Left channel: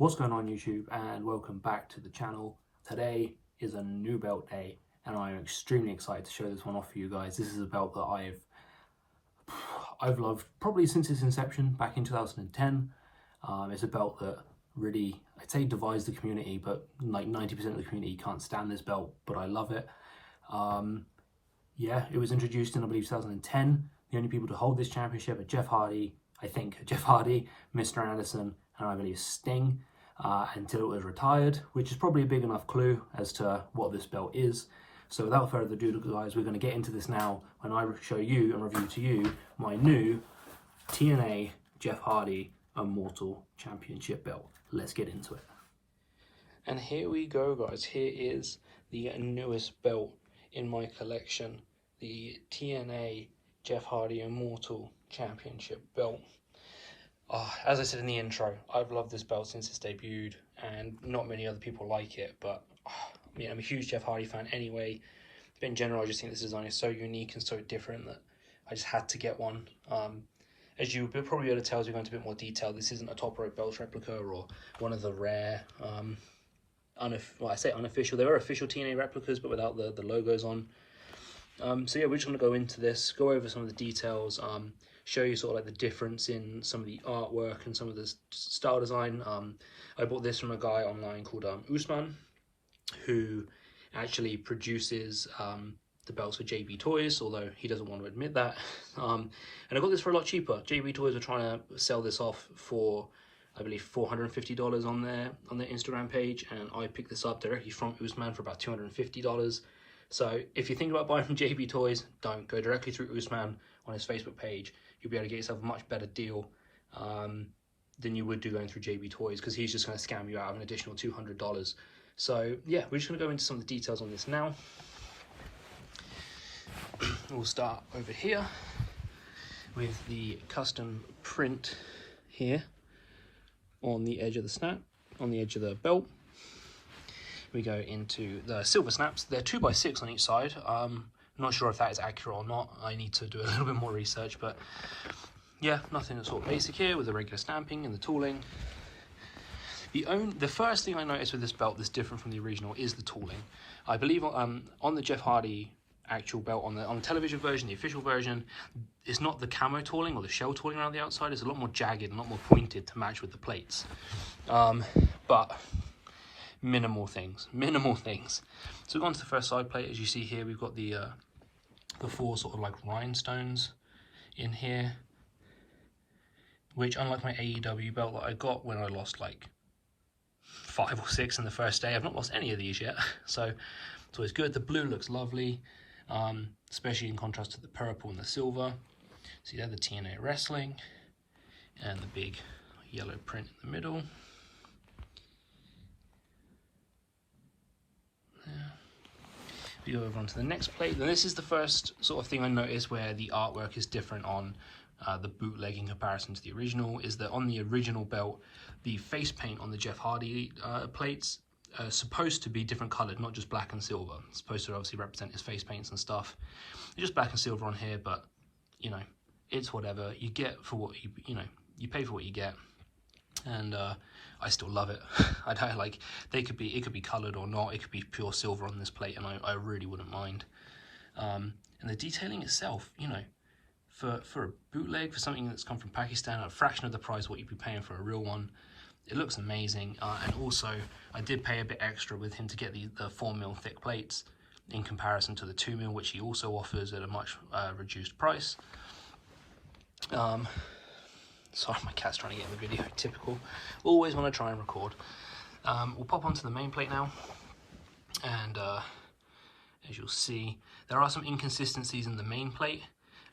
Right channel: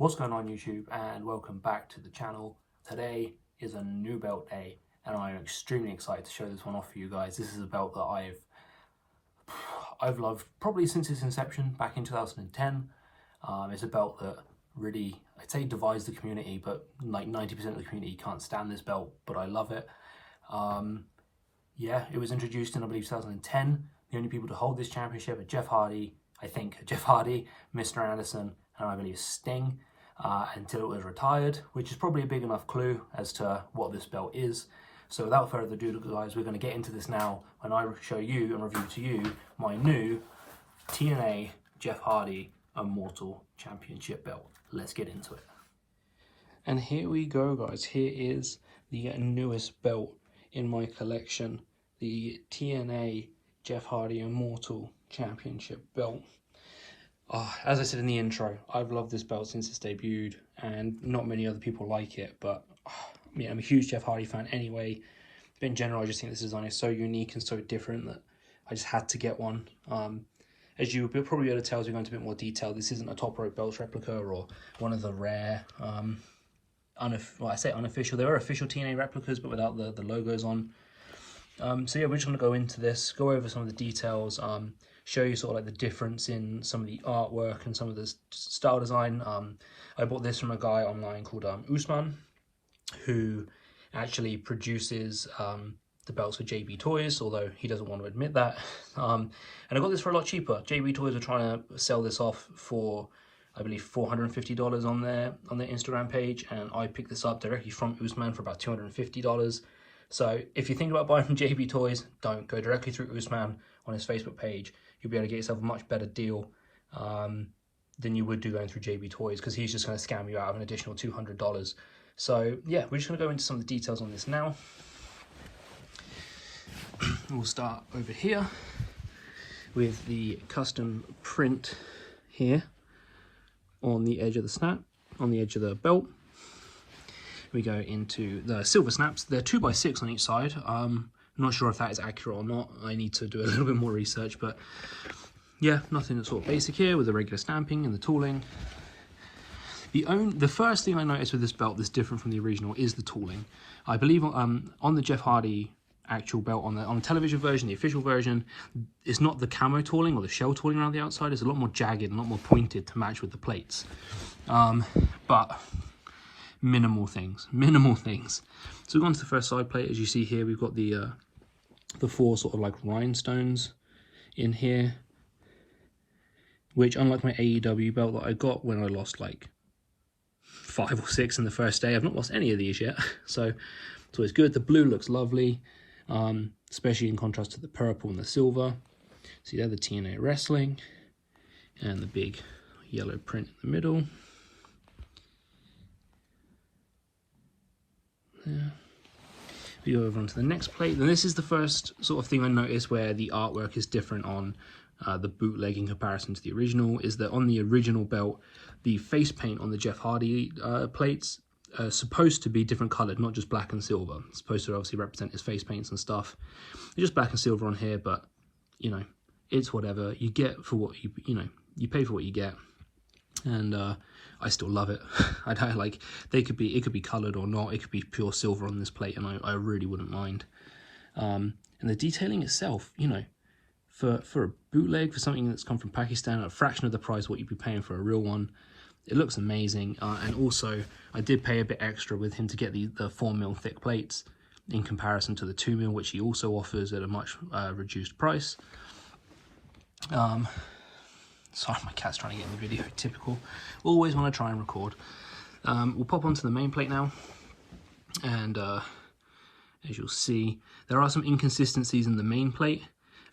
What's going on YouTube, and welcome back to the channel. Today is a new belt day and I'm extremely excited to show this one off for you guys. This is a belt that I've loved probably since its inception back in 2010. It's a belt that really, I'd say, divides the community, but like 90% of the community can't stand this belt, but I love it. Yeah, it was introduced in, I believe, 2010. The only people to hold this championship are Jeff Hardy, Mr. Anderson, and I believe Sting, until it was retired, which is probably a big enough clue as to what this belt is. So without further ado, guys, we're going to get into this now when I show you and review to you my new TNA Jeff Hardy Immortal Championship belt. Let's get into it. And here we go, guys. Here is the newest belt in my collection, the TNA Jeff Hardy Immortal Championship belt. As I said in the intro, I've loved this belt since it's debuted, and not many other people like it, but I'm a huge Jeff Hardy fan anyway. But in general, I just think this design is so unique and so different that I just had to get one. As you will probably be able to tell as we go into a bit more detail, this isn't a top rope belts replica or one of the rare, I say unofficial, there are official TNA replicas, but without the logos on. So yeah, we're just going to go into this, go over some of the details, show you sort of like the difference in some of the artwork and some of the style design. I bought this from a guy online called Usman, who actually produces the belts for JB Toys, although he doesn't want to admit that. And I got this for a lot cheaper. JB Toys were trying to sell this off for, I believe, $450 on their Instagram page, and I picked this up directly from Usman for about $250. So if you think about buying from JB Toys, don't go directly through Usman on his Facebook page. You'll be able to get yourself a much better deal than you would do going through JB Toys, because he's just going to scam you out of an additional $200. So yeah, we're just going to go into some of the details on this now. We'll start over here with the custom print here on the edge of the snap, on the edge of the belt. We go into the silver snaps. They're 2x6 on each side. I'm not sure if that is accurate or not. I need to do a little bit more research, but yeah, nothing that's sort of basic here with the regular stamping and the tooling. The first thing I noticed with this belt that's different from the original is the tooling. I believe on the Jeff Hardy actual belt, on the television version, the official version, it's not the camo tooling or the shell tooling around the outside. It's a lot more jagged and a lot more pointed to match with the plates. But minimal things. So we've gone to the first side plate. As you see here, we've got the four sort of like rhinestones in here, which, unlike my AEW belt that I got when I lost like 5 or 6 in the first day, I've not lost any of these yet. So it's good. The blue looks lovely, especially in contrast to the purple and the silver. See there, the TNA wrestling and the big yellow print in the middle. There. We go over onto the next plate, and this is the first sort of thing I noticed where the artwork is different on the bootleg in comparison to the original, is that on the original belt, the face paint on the Jeff Hardy plates are supposed to be different coloured, not just black and silver. It's supposed to obviously represent his face paints and stuff. It's just black and silver on here, but you know, it's whatever. You get for what you pay for what you get. And I still love it. I don't like, it could be coloured or not. It could be pure silver on this plate, and I really wouldn't mind. And the detailing itself, you know, for a bootleg, for something that's come from Pakistan at a fraction of the price what you'd be paying for a real one, it looks amazing. And also, I did pay a bit extra with him to get the 4mm thick plates in comparison to the 2mm, which he also offers at a much reduced price. Sorry, my cat's trying to get in the video, typical. Always want to try and record. We'll pop onto the main plate now, and as you'll see, there are some inconsistencies in the main plate.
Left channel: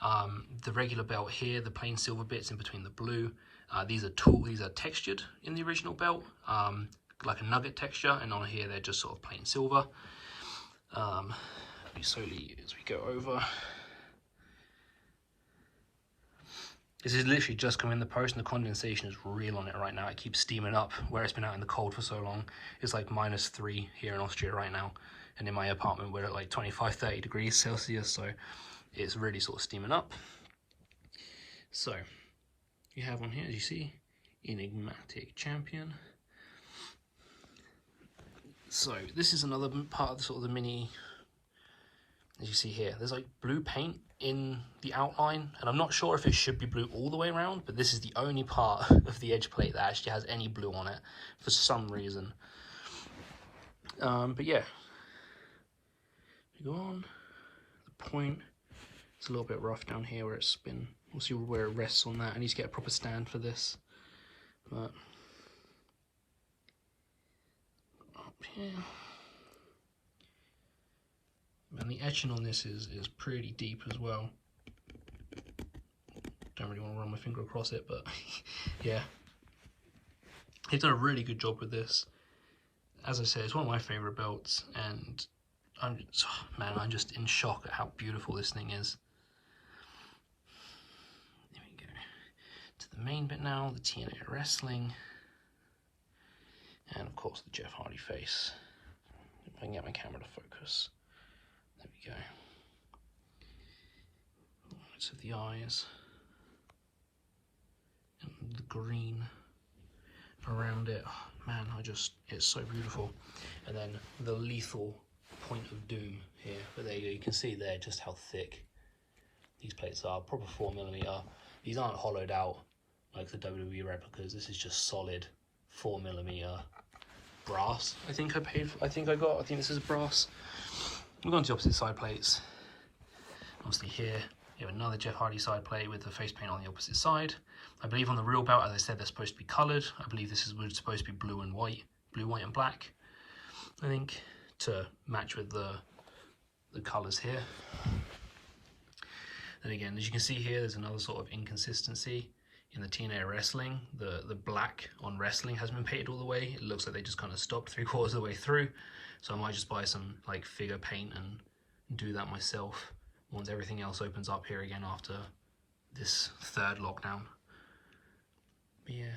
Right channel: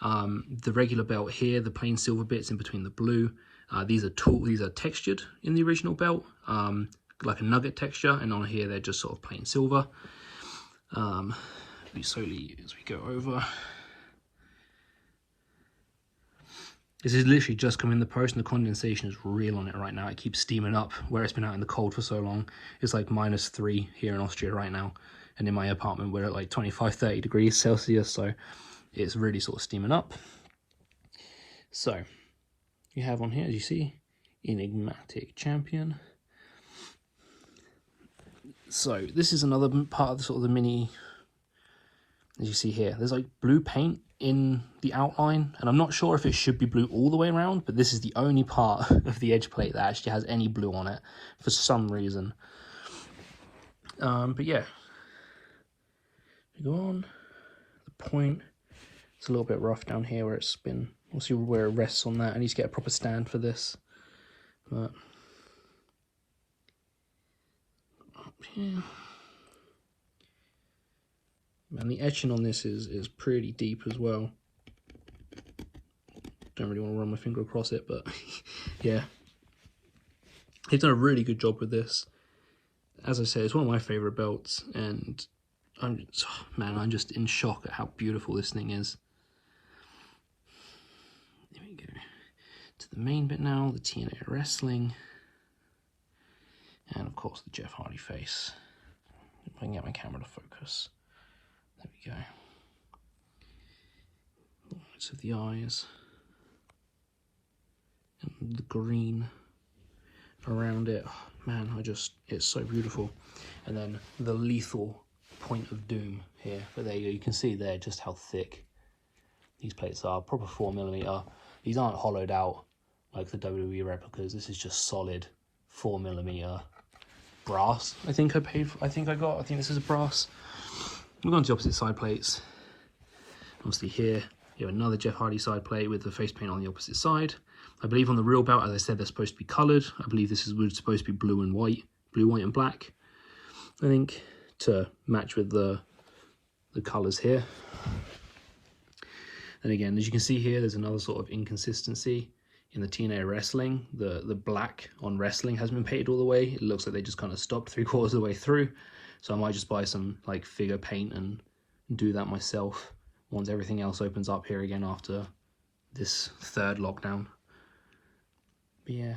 The regular belt here, the plain silver bits in between the blue, these are textured in the original belt, like a nugget texture, and on here they're just sort of plain silver. We slowly, as we go over, this is literally just come in the post, and the condensation is real on it right now. It keeps steaming up where it's been out in the cold for so long. It's like -3 here in Austria right now, and in my apartment we're at like 25-30 degrees Celsius, so it's really sort of steaming up. So you have on here, as you see, enigmatic champion. So this is another part of the sort of the mini, as you see here, there's like blue paint in the outline, and I'm not sure if it should be blue all the way around, but this is the only part of the edge plate that actually has any blue on it for some reason. But yeah, you go on, the point, it's a little bit rough down here where it's been, we'll see where it rests on that. I need to get a proper stand for this. But up here. And the etching on this is pretty deep as well. Don't really want to run my finger across it, but yeah. He's done a really good job with this. As I said, it's one of my favourite belts, and I'm just in shock at how beautiful this thing is. There we go. To the main bit now, the TNA wrestling. And of course the Jeff Hardy face. If I can get my camera to focus. There we go. Bits of the eyes. And the green around it. Oh, man, it's so beautiful. And then the lethal point of doom here. But there you can see there just how thick these plates are. Proper 4mm. These aren't hollowed out like the WWE replicas. This is just solid 4mm brass. I think this is brass. We're going to the opposite side plates. Obviously here, you have another Jeff Hardy side plate with the face paint on the opposite side. I believe on the real belt, as I said, they're supposed to be coloured. I believe this is supposed to be blue and white, and black, I think, to match with the colours here. And again, as you can see here, there's another sort of inconsistency in the TNA wrestling. The black on wrestling hasn't been painted all the way. It looks like they just kind of stopped 3/4 of the way through. So I might just buy some like figure paint and do that myself once everything else opens up here again after this third lockdown. But yeah,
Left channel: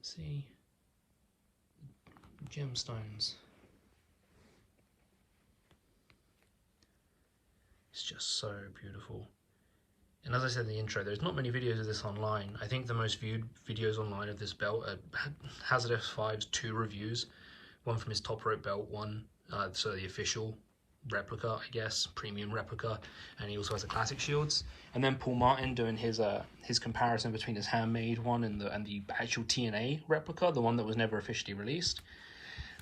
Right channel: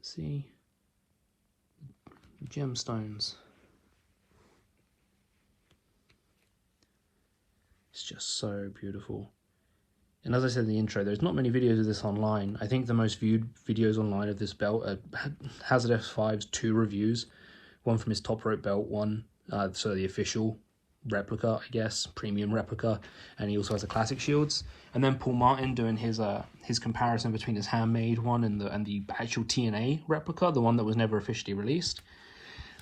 see gemstones. It's just so beautiful. And as I said in the intro, there's not many videos of this online. I think the most viewed videos online of this belt are Hazard F5's 2 reviews. One from his top rope belt, one, so the official replica, I guess, premium replica. And he also has the classic shields. And then Paul Martin doing his comparison between his handmade one and the actual TNA replica, the one that was never officially released.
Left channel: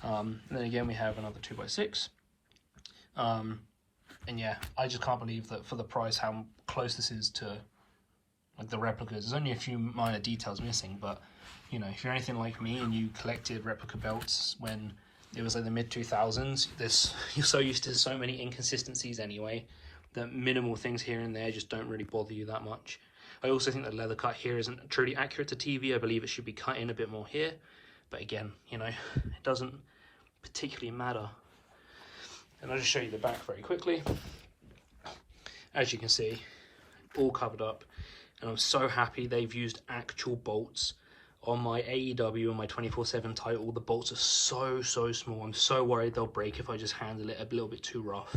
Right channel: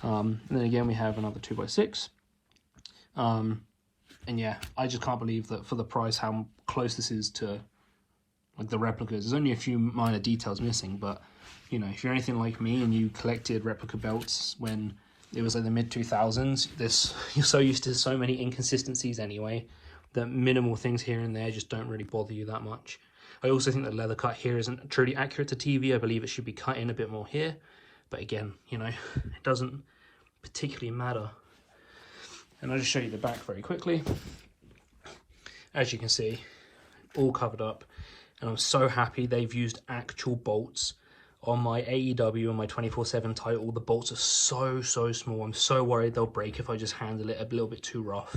And then again, we have another 2x6. And yeah, I just can't believe that for the price, how close this is to like the replicas. There's only a few minor details missing, but you know, if you're anything like me and you collected replica belts when it was like the mid-2000s, you're so used to so many inconsistencies anyway, that minimal things here and there just don't really bother you that much. I also think the leather cut here isn't truly accurate to TV. I believe it should be cut in a bit more here, but again, you know, it doesn't particularly matter. And I'll just show you the back very quickly. As you can see, all covered up. And I'm so happy they've used actual bolts. On my AEW and my 24/7 title, the bolts are so small. I'm so worried they'll break if I just handle it a little bit too rough.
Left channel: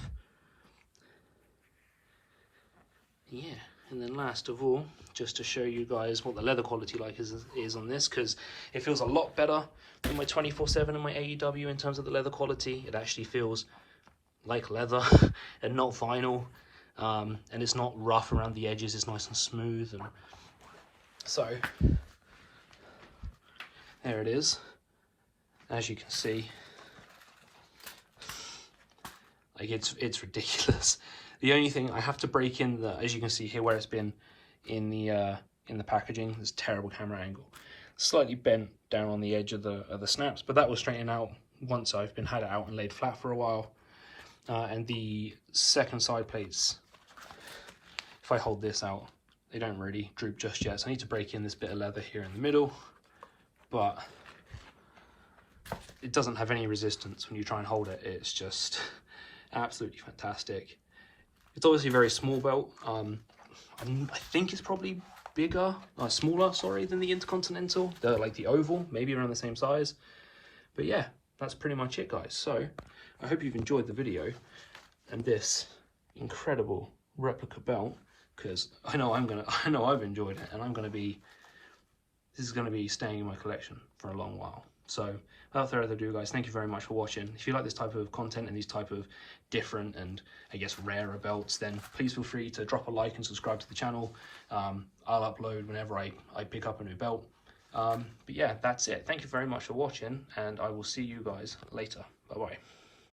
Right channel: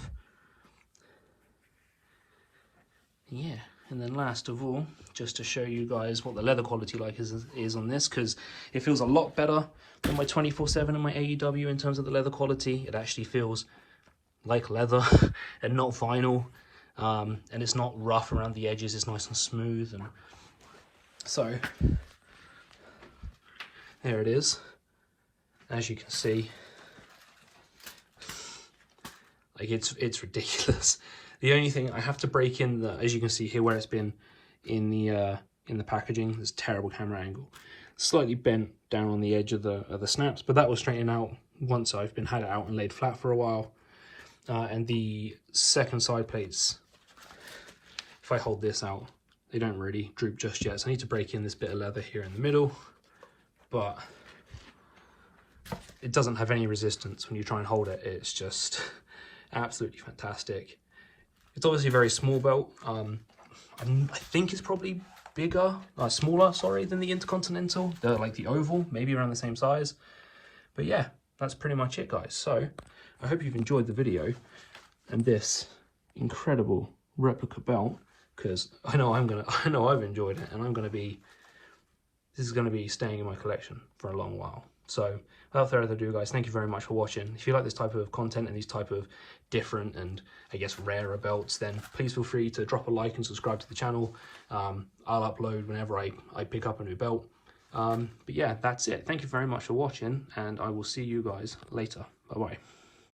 Yeah, and then last of all, just to show you guys what the leather quality is on this, because it feels a lot better than my 24/7 and my AEW in terms of the leather quality. It actually feels like leather and not vinyl, and it's not rough around the edges. It's nice and smooth, and so there it is. As you can see, like it's ridiculous. The only thing I have to break in, as you can see here, where it's been in the packaging, this terrible camera angle, slightly bent down on the edge of the snaps, but that will straighten out once I've had it out and laid flat for a while. And the second side plates, if I hold this out, they don't really droop just yet. So I need to break in this bit of leather here in the middle, but it doesn't have any resistance when you try and hold it. It's just absolutely fantastic. It's obviously a very small belt. I think it's probably smaller, sorry, than the Intercontinental. Like the oval, maybe around the same size. But yeah, that's pretty much it, guys. So I hope you've enjoyed the video and this incredible replica belt, because I know I've enjoyed it, and this is gonna be staying in my collection for a long while. So without further ado, guys, thank you very much for watching. If you like this type of content and these type of different and I guess rarer belts, then please feel free to drop a like and subscribe to the channel. I'll upload whenever I pick up a new belt. But yeah, that's it. Thank you very much for watching, and I will see you guys later. Bye bye.